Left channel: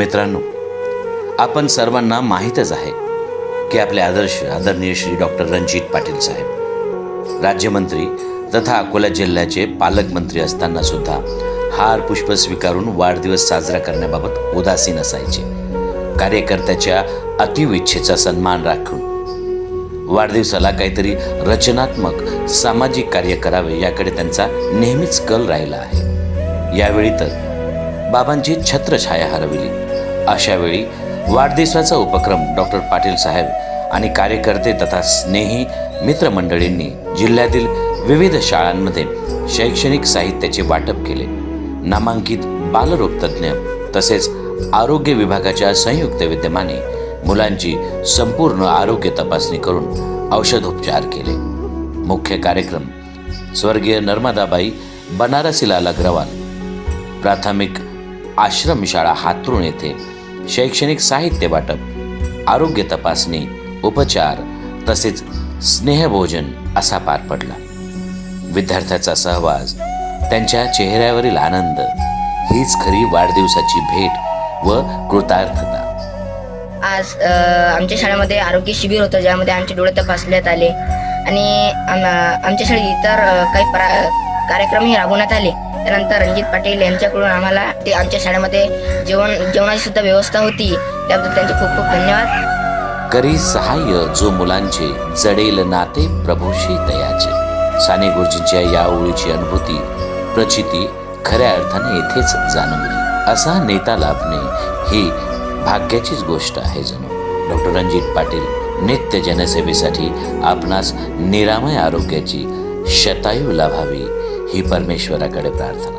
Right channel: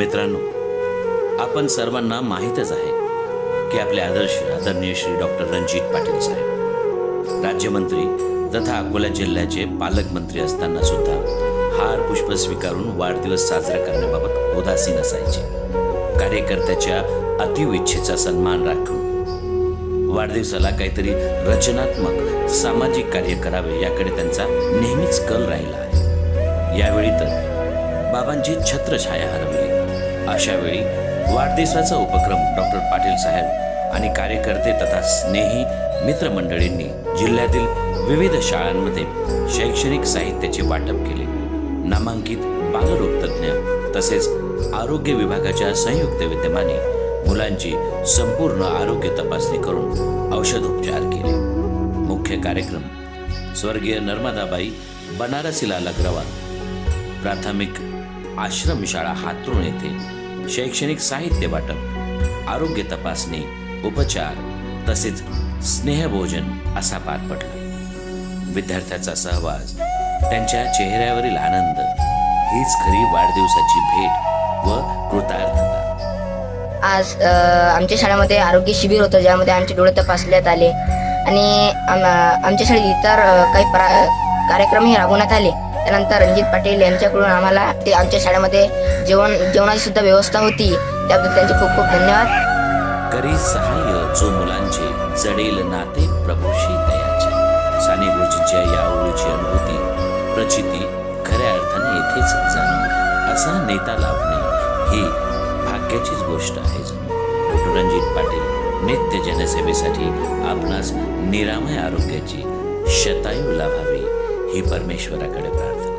मित्रांनो, आपण सर्वांना माहीतच आहे की आपले आदरणीय श्री डॉक्टर रणजित पाटील साहेब राज्यमंत्री तथा अकोला जिल्ह्याचे पालकमंत्री असताना सुद्धा हार पुष्प स्वीकारून वाढदिवस साजरा करण्याबाबत उदासीन असायचे. कार्यकर्त्याच्या अतीव इच्छेचा सन्मान राखून वाढदिवसाला काहीतरी रचनात्मक सामाजिक कार्य करावे याकडे त्यांचा नेहमीच कल राहिला आहे. यावेळी तर बाबांची छत्रछाया हरवली. अशा वेळी वाढदिवसाचा उपक्रम डॉक्टर पाटील साहेब आणि कार्यकर्ते तथा स्नेही मित्रमंडळींनी जिल्ह्यातील विविध शाळांमध्ये शैक्षणिक साहित्याचे वाटप केले. नामांकित बालरोगतज्ञ तसेच आरोग्य विभागाच्या संयुक्त विद्यमाने मुलांची संपूर्ण आरोग्य तपासणी करून औषधोपचार केले. मुख्य कार्यक्रम स्वर्गीय नर्मदाबाई बनारसीलाल अग्रवाल प्राथमिक आश्रमशाळा हातरुण येथे शैक्षणिक साहित्य वाटप, आरोग्य तपासणी, उपचार तसेच स्नेहभोजन असा पार पडला. विद्यार्थ्याचा सहवास, त्यांच्या चेहऱ्यावरील आनंद हीच खरी वाढदिवसाची भेट व कृतार्थता. आज आमच्या शाळेमध्ये आरोग्य शिबिर होतं, ज्यामध्ये आमचे डोळे तपासण्यात आले आणि आमच्या शाळेत इतर काही कार्यक्रमही राबवण्यात आले. त्यानंतर रणजित पाटील यांच्याकडून आम्हाला ते आमच्या शाळेमध्ये जेवणाची सुद्धा व्यवस्था होती, त्याबद्दल त्यांचे खूप खूप धन्यवाद. करी सहाय्य जो मुलांचे जडेल नाते प्रभूशी तयाचे. साने गुरुजींच्या या ओळीची अनुभूती प्रचिती खऱ्या अर्थाने येथेच जाणवली. असा नेता लाभणे ही भाग्याचीच गोष्ट आहे जणू. डॉक्टर रणजित पाटील नित्य जनसेवेसाठी आपणास निरामय आरोग्याची शतायू लाभावी ही परमेश्वराकडे प्रार्थना.